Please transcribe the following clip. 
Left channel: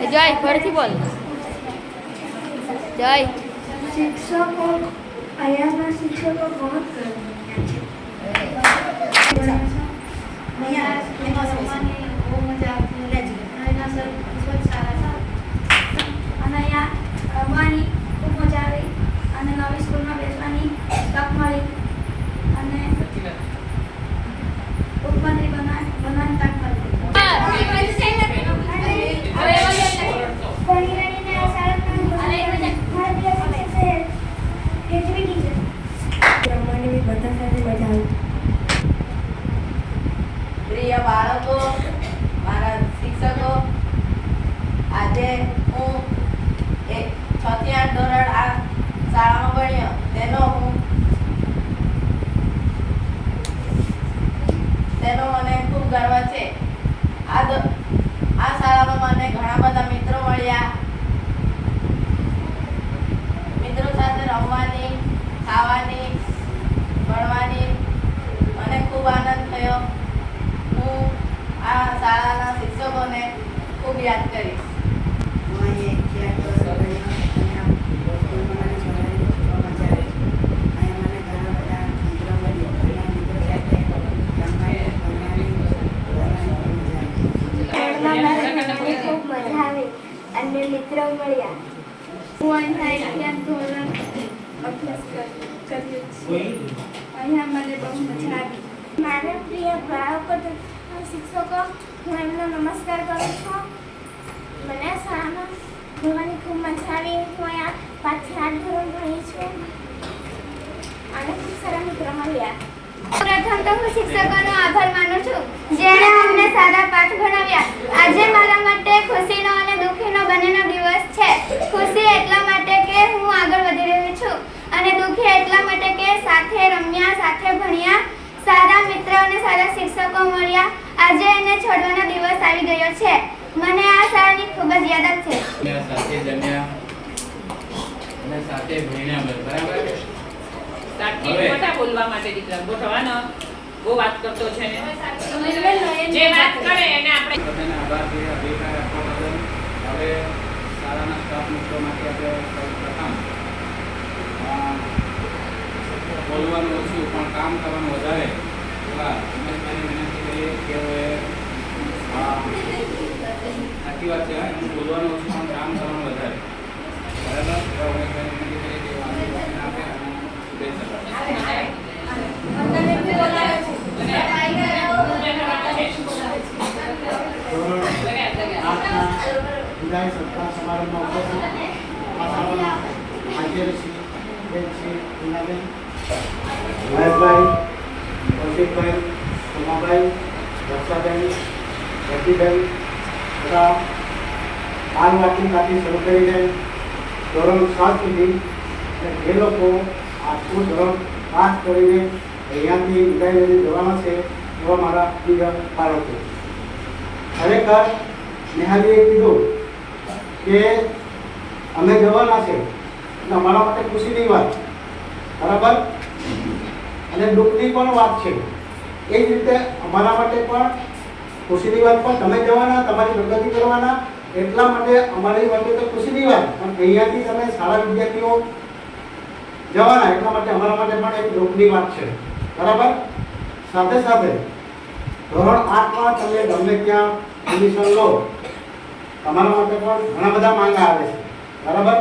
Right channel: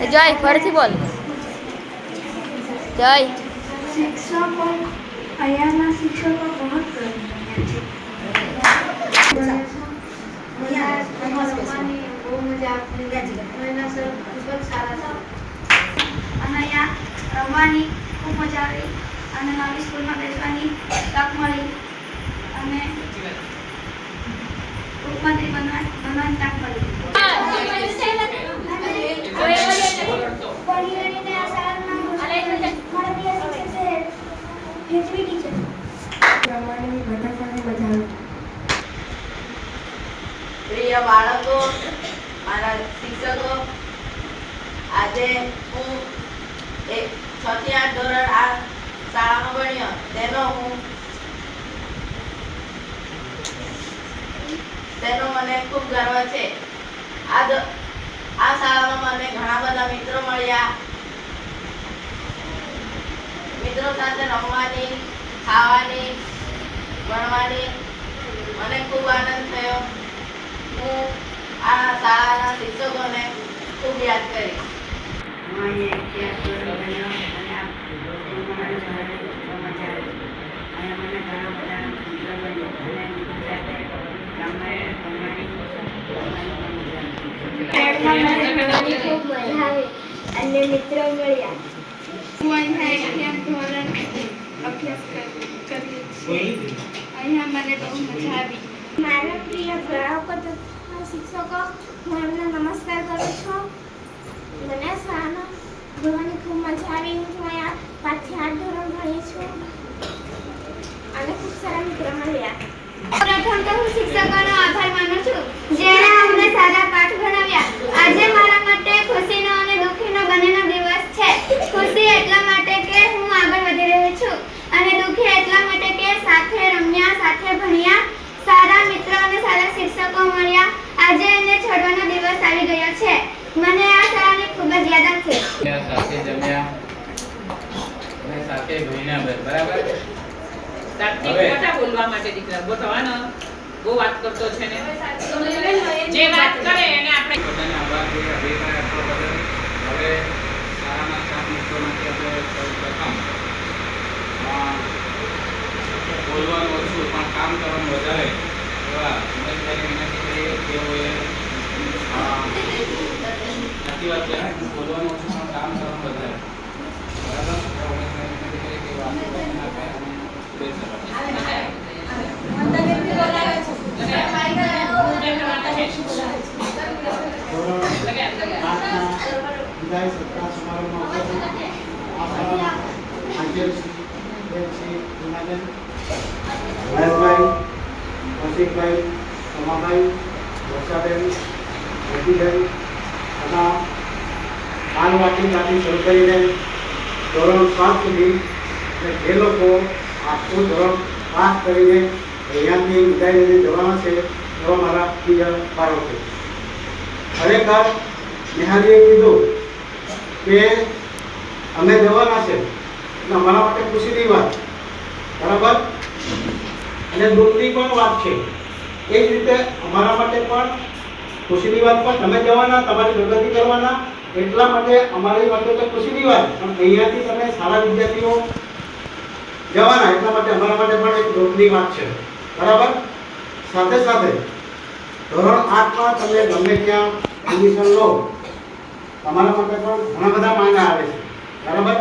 જય ફરીથી બોલ. જય. शिक्षकों અહીંયાના શિક્ષકો બહુ રમવાની બહુ મજા આવતી અહીંના સર ખૂબ જ સારા છે અને અહીંયા રમવાની ખૂબ મજા આવી અને નવી સ્કૂલમાં બેસવાની તક મળી અને ઉપમંત્રી બનવાની તક મળી. પ્રિય બાળકો, મારા શિક્ષકો, આજે હું 6 થી 8 ધોરણ આ શાળામાં ભણ્યો તેનો મને ખૂબ ગર્વ છે. આ શાળામાં મને ઘણા બધા મિત્રો મળ્યા. મિત્રો સાથે રમવાની, ખાવાની, ભણવાની મને ખૂબ આનંદ થયો. હું આ શાળાના શિક્ષકોને ખૂબ યાદ કરીશ. હું અહીંયા 1 થી 8 ધોરણ ભણ્યો અને આ સ્કૂલમાં મને ભણવાની ખૂબ મજા આવી. અહીંયા મને ઘણા બધા મિત્રો મળ્યા અને મિત્રો સાથે રમવાની ભણવાની ખૂબ મજા આવી અને મિત્રો મળ્યા. હું અહીંયા 1 થી 8 ધોરણ અભ્યાસ કર્યો છું. અહીંયા મને બહુ મજા આવી. મારા પ્રિય બાળકો તથા શિક્ષકો, હું એમને નમસ્કાર કરું છું. મને શાળામાં ભણવાની ખૂબ મજા આવી. હું અહીંયા 5 થી 8 ધોરણ ભણી છું અને ખૂબ સારા મિત્રો મળ્યા. પ્રથમ તો હું શિક્ષકોનો આભાર માનું છું જેણે અમને સારા પાઠ ભણાવ્યા. આજે મારા માટે ખુશીનો અને દુઃખીનો બંનેનો દિવસ છે. ખુશી એટલા માટે કે હું આગળ વધી રહી છું અને દુઃખી એટલા માટે કે સાથે રમ્યા, સાથે ભણ્યા, સારા મિત્રો અને સારા શિક્ષકો મળ્યા. આજે એને છોડવાનો દિવસ આવી ગયો છે. મને આ શાળાની ખૂબ જ યાદ છે. સાથે જમ્યા અને સાથે ભણ્યા, બરાબર. બોલવા માટે દીકરા ગોઠવાનો બહુ વાત કરતો છે ને, જે વાત કરે એને આપણે બધાને આભાર કે અધિકાર આપવા બદલ. હવે શાળાના સ્ટાફ મિત્રો માટે આપણે પ્રથમ બોલવાનું ઓછું પણ કામ કરવાનું વધારે એવા ઉમેશભાઈને વિનંતી કરીએ. તેઓએ સાચી વાત છે, બોલવાનું ઓછું પણ કામ કરવાનું વધારે, બરાબર. એવા ઉમેશભાઈને વિનંતી કરીએ તેઓ આશીર્વાદ આપે અને શુભેચ્છા આપે. વિદાય સત્કાર સમારંભમાં ઉપસ્થિત આ શાળાના આચાર્યશ્રી બેન શ્રી હિનાબેન, મહેશભાઈ, કૌશિકભાઈ, સોમાભાઈ, વર્ષાબેન, હેતીબેન તથા બાલવાટિકાથી શરૂ કરીને ધોરણ 7 સુધી જે લોકો આ સ્કૂલ ધોરણ 5 કરીને અહીંયાથી વિદાય લઈને જવાના છે એવા મારા પ્રિય બાળકો, ખરેખર નિહાલીએ કીધું કે અમે જવાના છે એટલે અમારા માટે ખુશીની વાત, બરાબર, અને દુઃખની પણ વાત છે. એ જ રીતે અમારા માટે પણ ખુશીની વાત, પણ તમે જવાના, તમારી પ્રગતિ કરવાના એટલા માટે અમારી માટે તો ખુશીની વાત, પણ અહીંયાથી તમે સારા વિદ્યાર્થીઓ જવાના એટલા માટે અમારા માટે પણ એક દુઃખની વાત છે, બરાબર. સાથે સાથે ધોરણ 8માં તમે ગમે ત્યાં એડમિશન લો, તમારા માટે પણ ઘણા બધા માંગા આવે છે, બરાબર.